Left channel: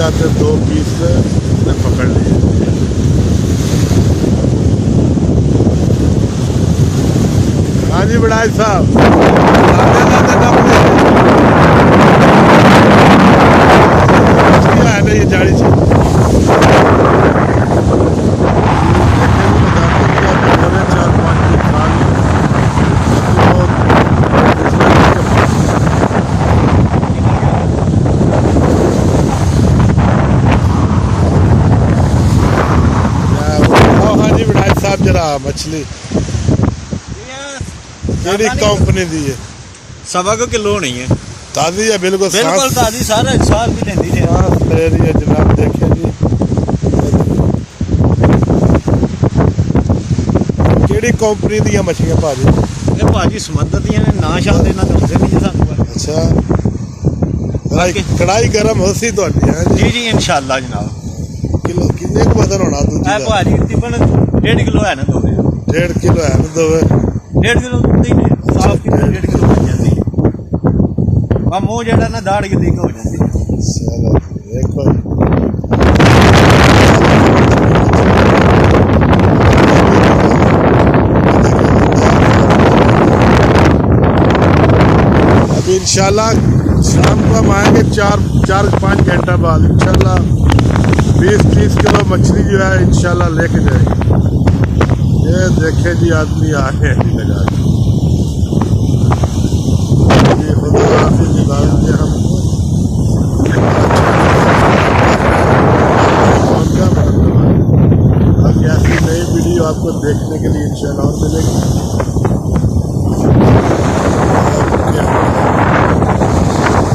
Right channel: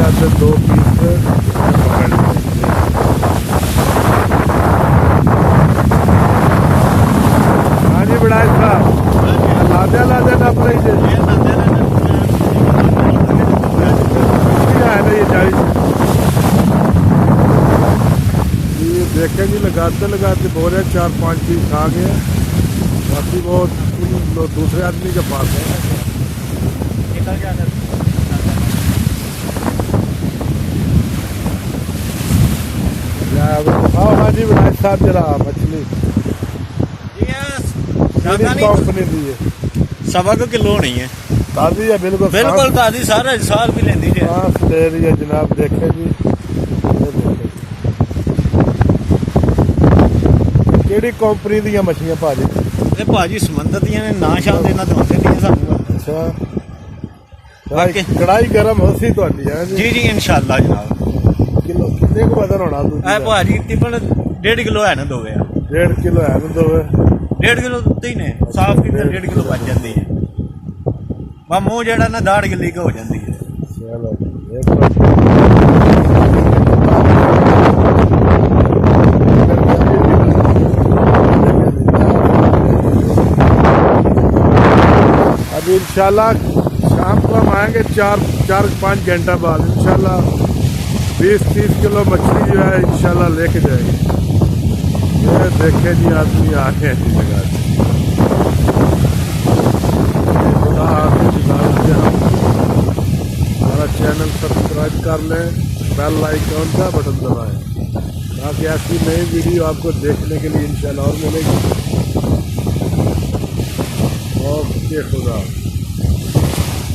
जाते 2 पीस इसने पकड़ लिए। हाँ जी बड़ाई साहब, लादे लादे अपने क्या है ना ये जाड़ी से देखे भी लगाते हो रहे 4-5 दिन खा गए। बाकी बहुत दूसरे के पास है। हाँ जी विनायक साहब जरा मछली कंपनी दी है 1.25 किलो नहीं है, ताज़ी है बिल्कुल ताज़ी, सारा साल भी लेंदी है। सांस ले रही है जनाब, देखे जी केड़ी कंपनी दी मछलियां भाजी? ये भाजी समंदर दी ने, ना शाम देना तो अच्छा कढ़ाई गर्म हो सी तो जी जी इंशाल्लाह जनाब। किलो कितने को बदन होना दूध भाजी तकरीबन 1.5 किलो है ना, 1.5 किलो है ना, 1.5 किलो साफ किलो 1.5 किलो बच जाती है। मुँह जड़ा ना दाढ़ गिल्ली हो जाती है। चलो एक बार अभी इंशाल्लाह शाम को हम आएंगे 4-5 घंटा बाद इंशाल्लाह 20-30 किलो मछली जो है इंशाल्लाह लेके जाएंगे। ये देखे जी आदमी आए हैं जी लगा के। खुदा हाफिज़ दिलाऊंगे हमको, आइकॉन का बटन दबाएं ताकि ऐसी नई वीडियो आपको देखने के लिए इंशाल्लाह और मिलेगी।